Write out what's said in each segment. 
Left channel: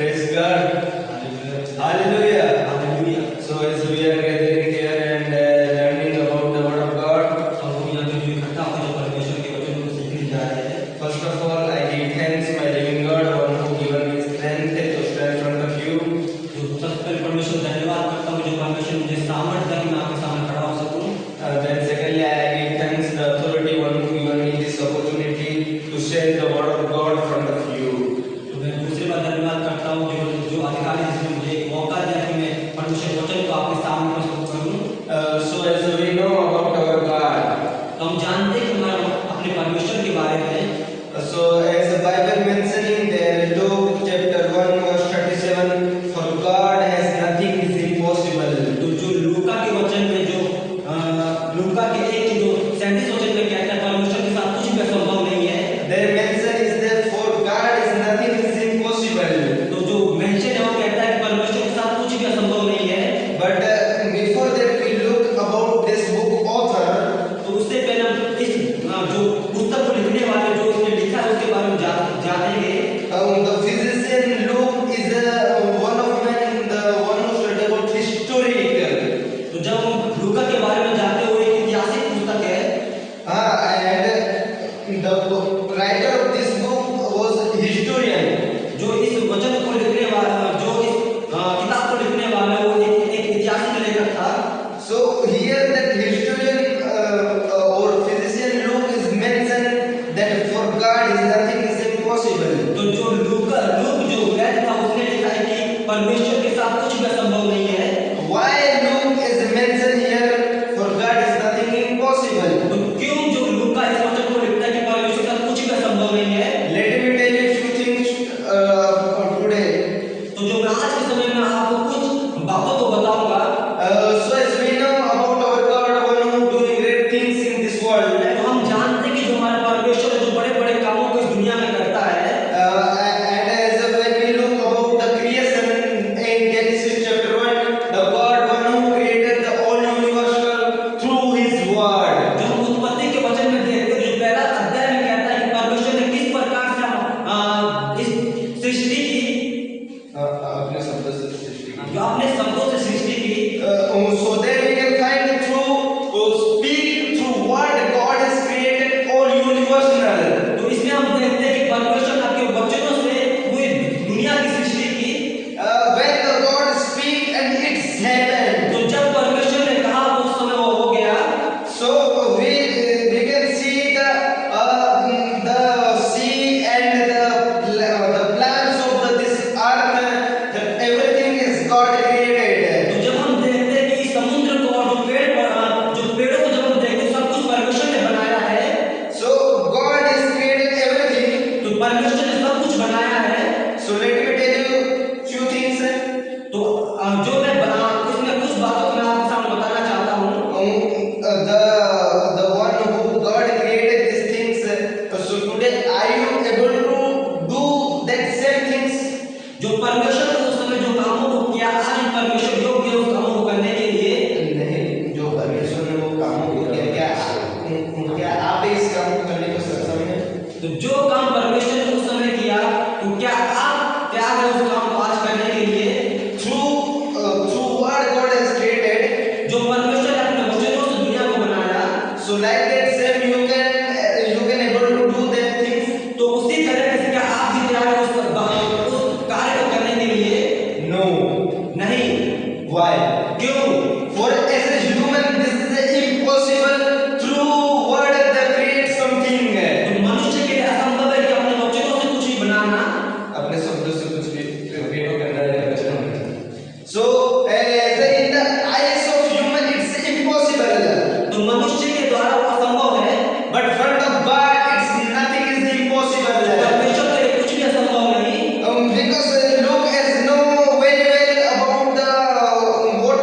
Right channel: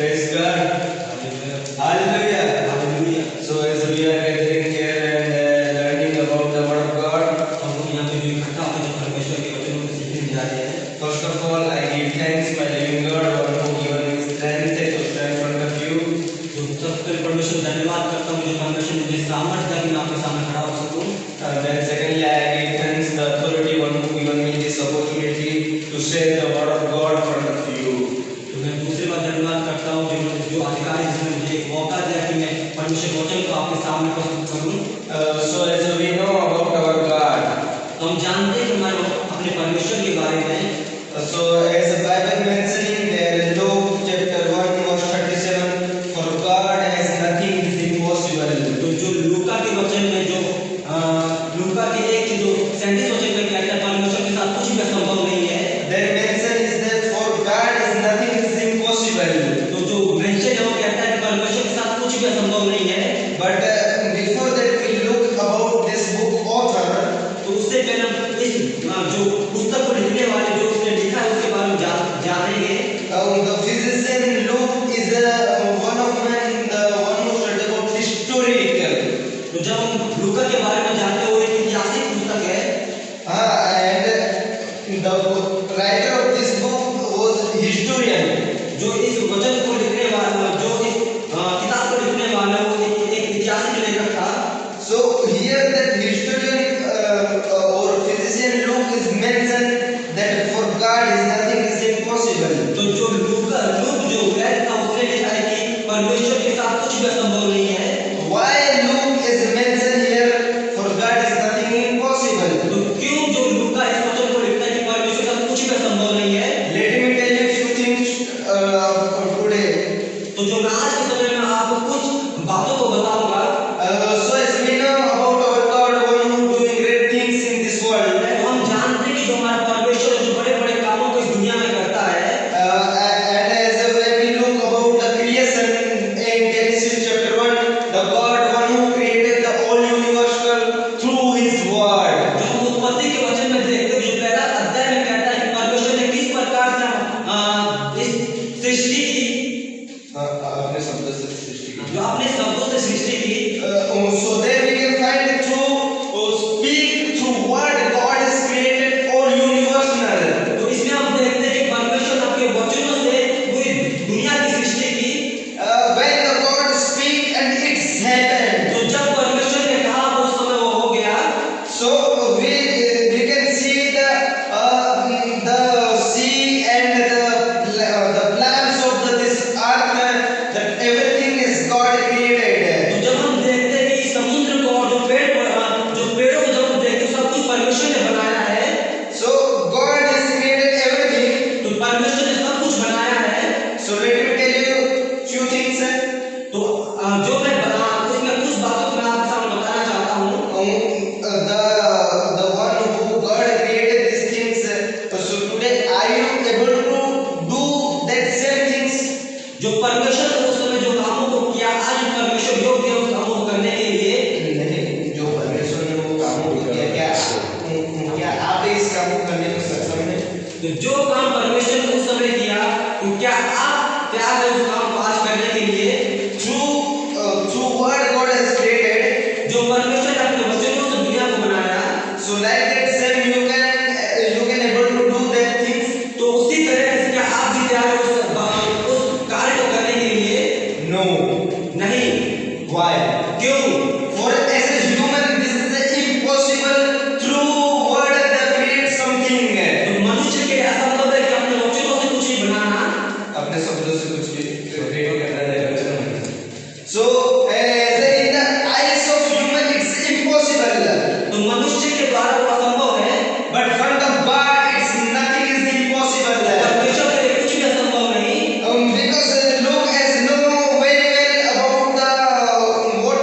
Praise God. Hallelujah. Hallelujah. So as we are gathering here and learning about the word of God, अब हम यहाँ पे जो इकट्ठा होकर जो परमेश्वर के वचनों को सीखने जा रहे हैं, first of all I give thanks my living God, one who given me strength to stand in front of you. जो सबसे पहले परमेश्वर को धन्यवाद करता हूँ, जो परमेश्वर ने मुझे सामर्थ्य दिया कि मैं आपके सामने खड़ा हो सकूँ। Then secondly I give thanks the authority one who given me this opportunity to share the word of God in front of you. तो मैं दूसरी बार धन्यवाद करता हूँ जो अधिकारी जिसने मुझे एक मौका दिया कि मैं परमेश्वर के वचन को आपके सामने प्रस्तुत करूँ। So as we know about our God, तो हम जानते हैं कि हमारे अपने परमेश्वर के बारे में, so as the Bible mentioning there, Luke chapter 1 verse 37, for God has nothing is impossible. तो जो लूका के वचन में जो लूका के 1:37 वचन में कहता है परमेश्वर के साथ कुछ भी असंभव नहीं है। Their mention is that for God is nothing is impossible. तो जो मेंशन है वो कहता है कि परमेश्वर के साथ कुछ भी असंभव नहीं है। But before that we look about this book author. तो उससे पहले हम इस जो पुस्तक को लिखने वाले जो उसने लिखा है उसके बारे में जानेंगे। The physician Luke is one of men, the one who studied about historical. तो जब हम लूका के बारे में जानते हैं वो एक ऐतिहासिक पुस्तक है। And the writer of this book was historian. जो इस वचन को लिखने वाला जो इस किताब को लिखने वाला वो एक ऐतिहासिक लेखक था। So here that historian or physician Luke is mentioned that for God is nothing is impossible. तो जो लूक जो वैद था उसने लिखा है कि परमेश्वर के साथ कुछ भी असंभव नहीं है। Why Luke is mentioned here for God is nothing impossible? तो क्यों जो लूका इस वचन को लिखता है कि परमेश्वर के साथ कुछ भी असंभव नहीं है। Let me tell you few things today. तो जो मैं आज के समय में आपको कुछ बातों को बताऊंगा। So as we know about our God, one who doing great things in this world. तो हम जानते हैं कि जो हमारा परमेश्वर है जो बड़े-बड़े कामों को इस दुनिया में करता है। And as when we look about the creation in Genesis chapter 1, the God one who created the whole universe through His word. जो हम उत्पत्ति के वचन में देखते हैं जो पहला अध्याय में कहता है कि परमेश्वर ने किस प्रकार से इस सृष्टि की अपने शब्दों से सृष्टि की. जो अपने शब्दों से सृष्टि की। So there we can find speak through what God has created all universal. तो इसमें हम देखते हैं कि परमेश्वर ने अपने वचनों से पूरी दुनिया की सृष्टि की। When the God speak and it's happened. तो जब परमेश्वर ने कहा तो उस समय वो हो गया। So we can see the sea and the plants of this earth, that everything is God created. तो जब हम देखते हैं कि समुद्र को और जो पेड़ों को जब हम देखते हैं सब कुछ परमेश्वर ने बनाया है। So God has created everything. तो परमेश्वर ने सब कुछ बनाया है। So let me tell you few things. तो जो मैं इसमें कुछ बातों को मैं आपके सामने बताना चाहता हूँ। The one who God created these things. So today are you able to do that same things? जो परमेश्वर ने उस समय जो कामों को किया आज परमेश्वर योग्य है उस कामों को करने के लिए। नहीं, जो परमेश्वर ने वो कामों को किया, क्या आप इस काम को करने को सक्षम हैं? तो जो काम परमेश्वर ने उस समय किया तो क्या आप तैयार हैं उस काम को आज करने के लिए? Through what God has created. जो परमेश्वर ने अपने वचनों से दुनिया को बनाया। So like that same you can able to do that things. तो उसी तरह से क्या आप भी तैयार हैं उस कार्य को करने के लिए? No. नहीं। Why? क्यों? For as a human this is impossible. Through word that create something. तो मनुष्य के लिए असंभव है कि अपने वचनों से कुछ भी बनाना। अपने शब्दों से कुछ भी क्रिएट करना है। So as in the eyes of human it's impossible. तो मनुष्य के द्वारा वो असंभव है। But front of God it's nothing is impossible. परमेश्वर के लिए कुछ भी असंभव नहीं। Because Luke has know very well about the what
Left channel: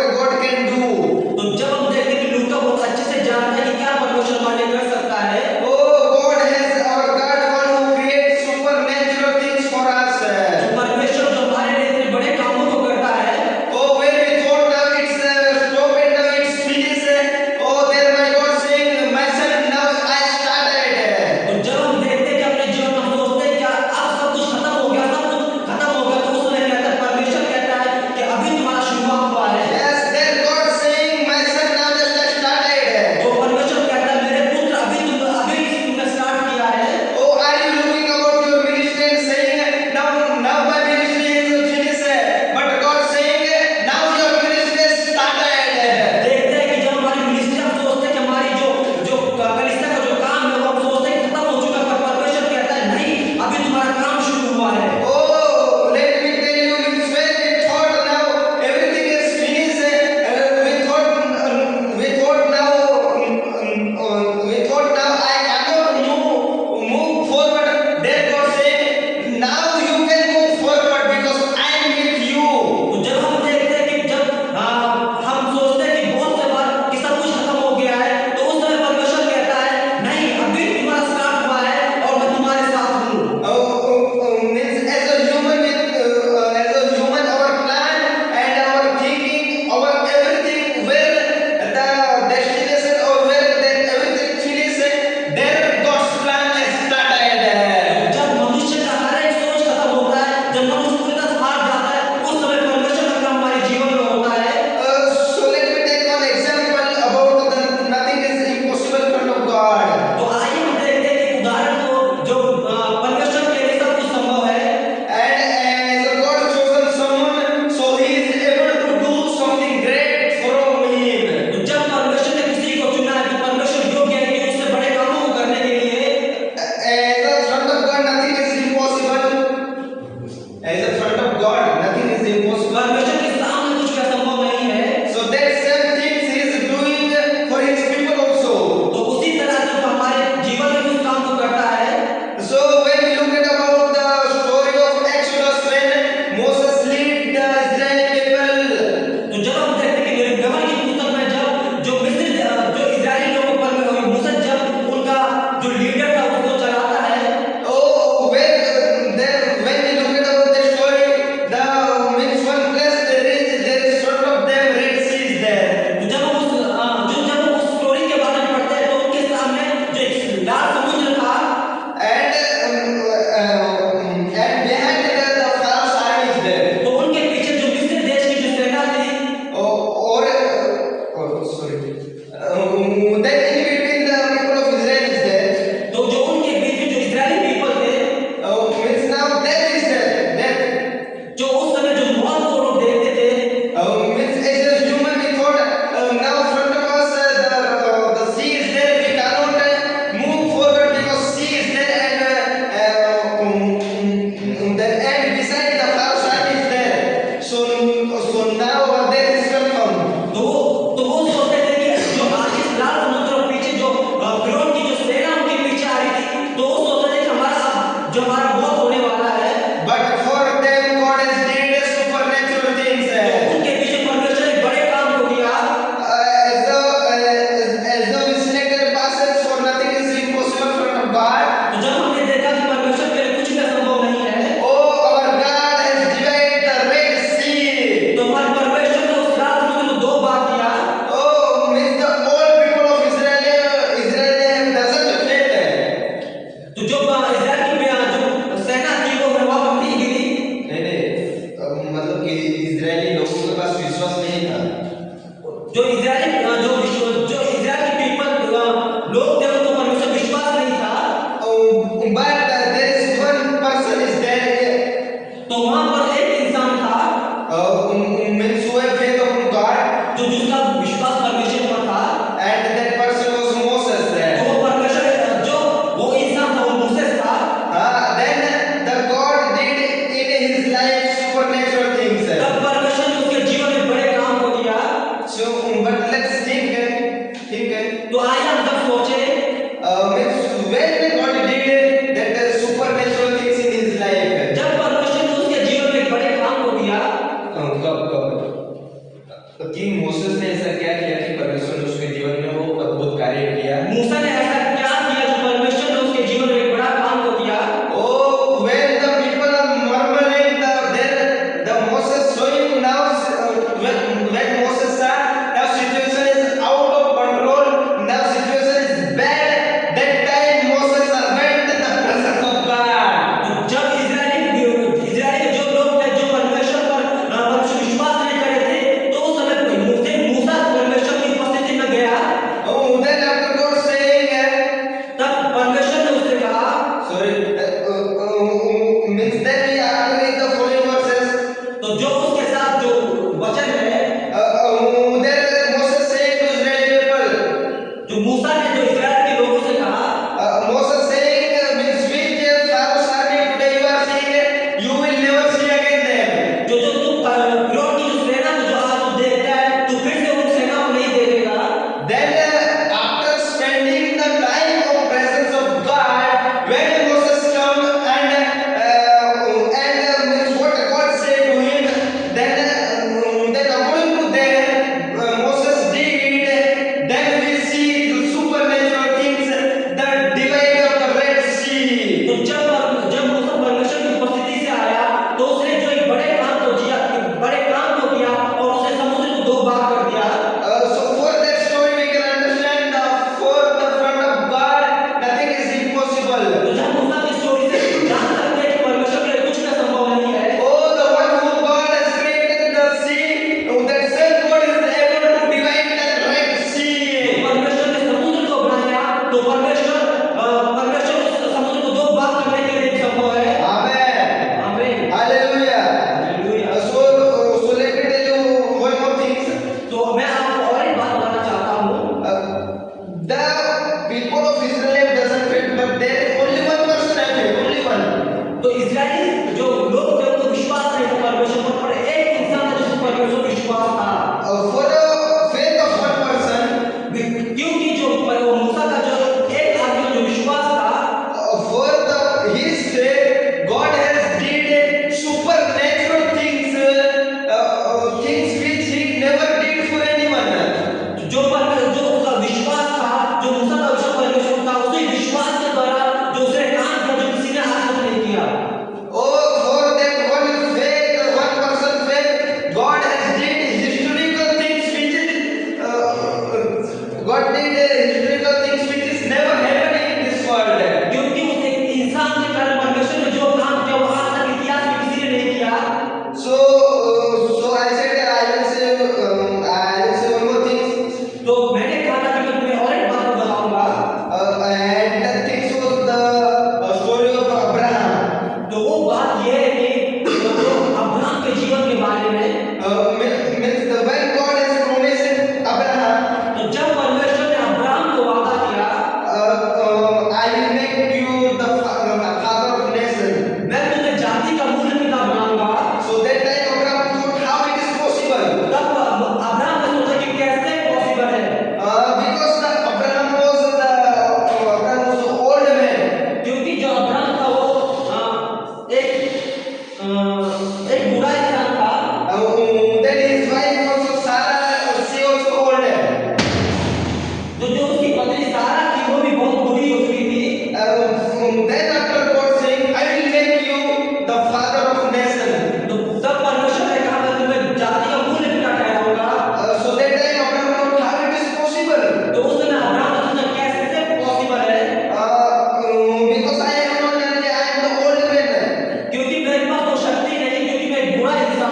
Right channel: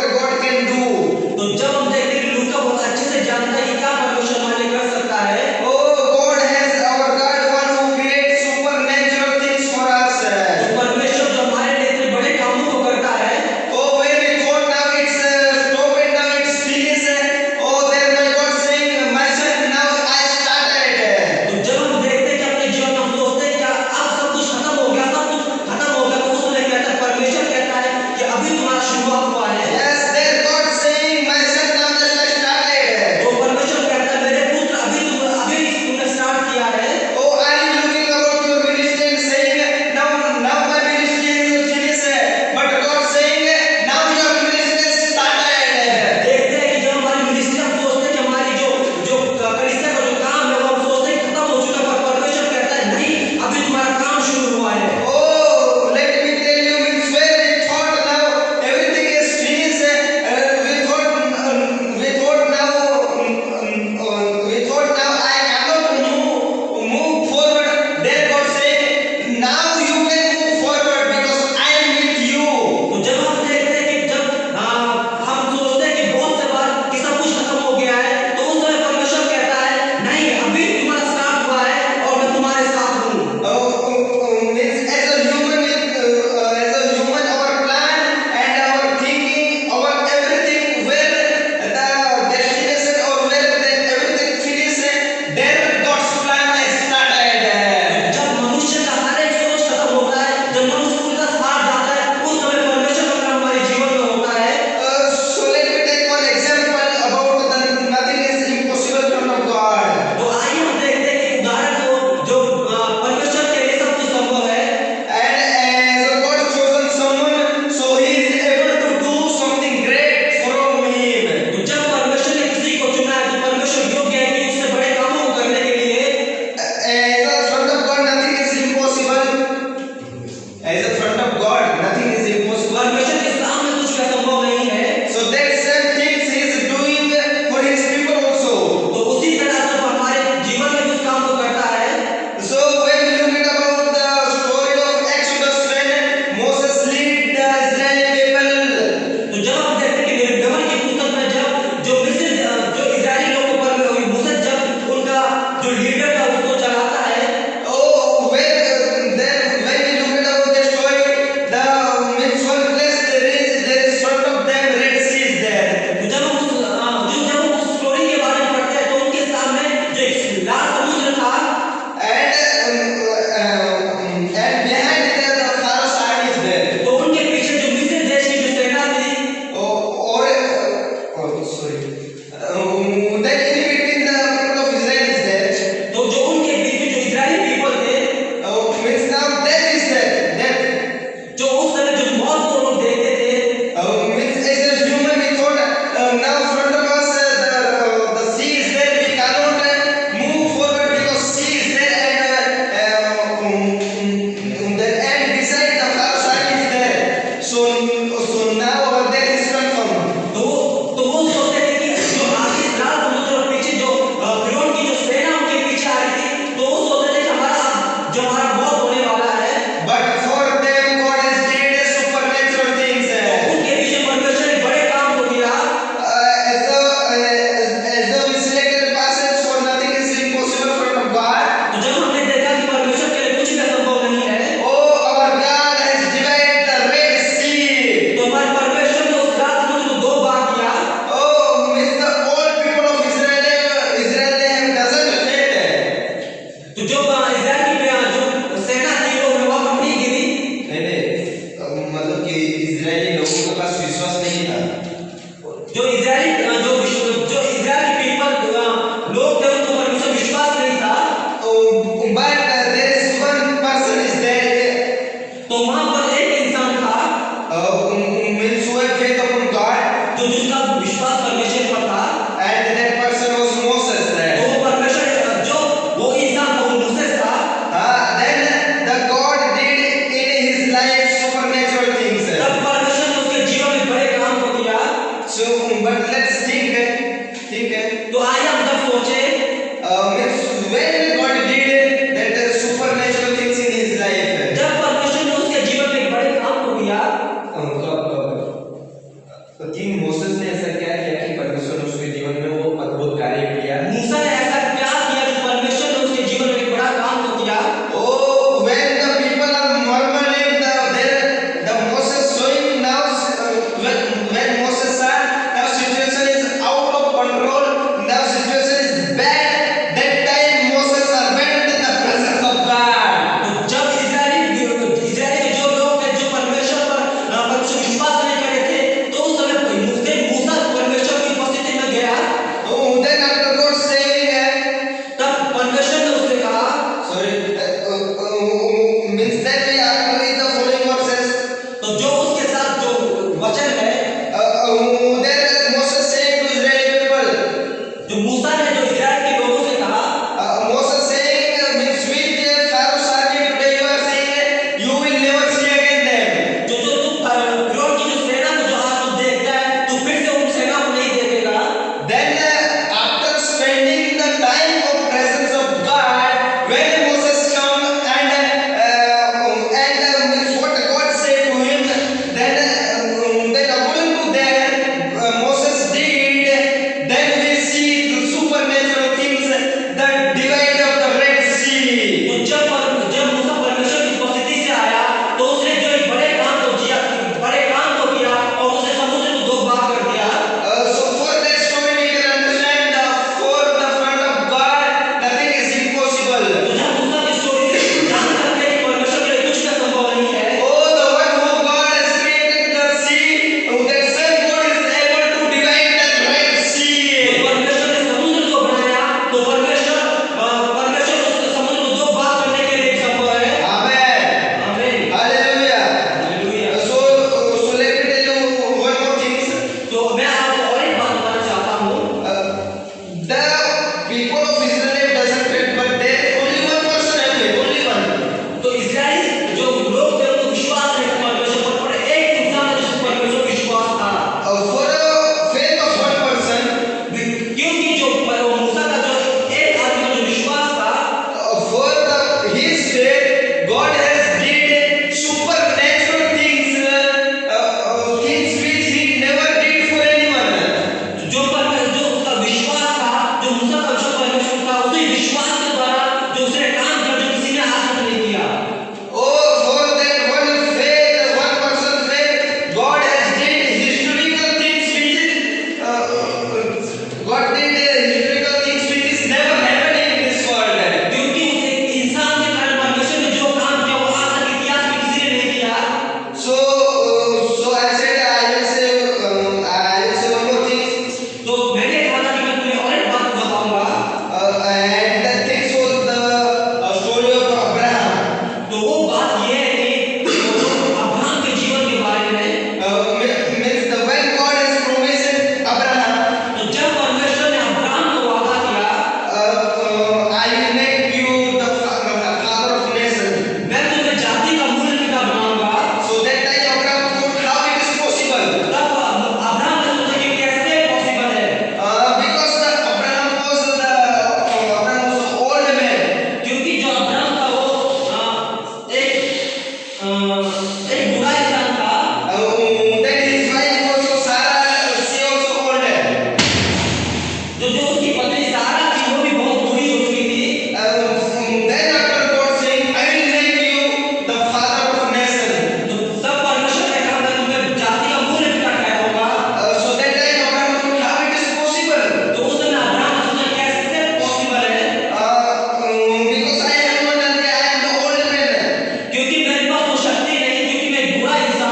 Moses ने ऐसा क्या किया कि परमेश्वर ने उसके जीवन में वो अद्भुत कार्य किया? मूसा ने ऐसा क्या किया जो परमेश्वर ने उसके जीवन में एक बड़ा काम को किया? Oh, when the people are murmuring, the Moses showing now, when Moses saw now situation is out of control, now situation is bad. That time Moses went in the presence of God. तो जब Israeli के जो लोग थे जो परमेश्वर विश्वास नहीं कर रहे थे, तो उस समय मूसा परमेश्वर की उपस्थिति में गया। Oh, then after God saying, तब परमेश्वर ने उससे कहा, sorry, means that we have to read the following verses. तो जो उसके साथ जो वचन है, Then Moses saying to Israeli people, जो मूसा ने जो इजराइल के लोगों से कहा, Moses saying, means with Pharaoh's army today you are saying you will never see again them. जो जो तू फिरौन की जो सेना को जो आज तू देखता है, तू फिर से उन सेना को नहीं देखेगा। Then after spending the time of presence of God, when Moses come and means what God said to him, then according to that Moses did, then we see the supernatural things, the divide of the Red Sea. तो जब मूसा परमेश्वर की उपस्थिति से आया, तो उसने जो एक बड़े काम को किया और उसने समुद्र को दो भाग कर दिया। So for that story we can understand for the front of God nothing is impossible. तो जब मूसा की स्टोरी से जान सकते हैं कि परमेश्वर के लिए कुछ भी असंभव नहीं है। Oh, the one who God has created the sea, that same God is able to divide that Red तो Sea. परमेश्वर ने समुद्र को बनाया, तो परमेश्वर उस समुद्र को दो भाग करने के लिए संभव है। Amen. आमीन। Hallelujah. Hallelujah. So let me tell you one more thing. तो मैं आपको और एक बात बताना चाहता हूँ। The people of Israel doesn't faith, but there only one person have faith, only one. तो इजराइली जो लोग थे उनको विश्वास नहीं था परमेश्वर पर, एक इंसान था जिसको परमेश्वर पर विश्वास था। For the faith of one person, क्योंकि जो मूसा का जो एक आदमी जो विश्वास था, for his faith, God has did supernatural things, things which He never did for anyone. जो उसका विश्वास था, जो मूसा का विश्वास परमेश्वर था, उसी विश्वास के द्वारा जो उसने काम किया जो किसी ने आज तक नहीं किया। Oh, for that one faith, one person faith, God has did historical things which is, God did historical things which is never happened in this world. क्योंकि उस एक इंसान के कारण परमेश्वर ने जो काम किया वो आज तक इतिहास में किसी ने नहीं किया। So I said I will say one more thing. तो मैंने कहा था कि मैं तुम्हें और एक बात बताऊंगा। And that things was the story of Abraham. तो वो बात ये है कि अब्राहम के जीवन के बारे में। Means the when God has promised Abraham, तो जब परमेश्वर ने अब्राहम को वादा किया, I will make you the father of nation. मैं तुम्हें जाति का मूल पिता बनाऊंगा। So that time Abraham thought how it is possible. तब अब्राहम ने सोचा कि कैसे पॉसिबल है, Because Abraham was the old man. क्योंकि जो अब्राहम था वो एक बूढ़ा इंसान था। Then his wife also Sarah, she also old. जो उसकी पत्नी सारा थी वो भी बहुत बूढ़ी हो चुकी थी। Then after God saying, I will make you the father of nation. तो तब परमेश्वर ने कहा मैं तुम्हें जाति का मूल पिता ठहराऊंगा। So that time Abraham thought how it is possible. तो उस समय अब्राहम ने सोचा कैसे पॉसिबल है, Because I am not, I am the old man. क्योंकि मेरे पास वो शक्ति नहीं, क्योंकि मैं एक बूढ़ा इंसान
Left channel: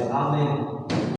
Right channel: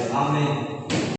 आमेन।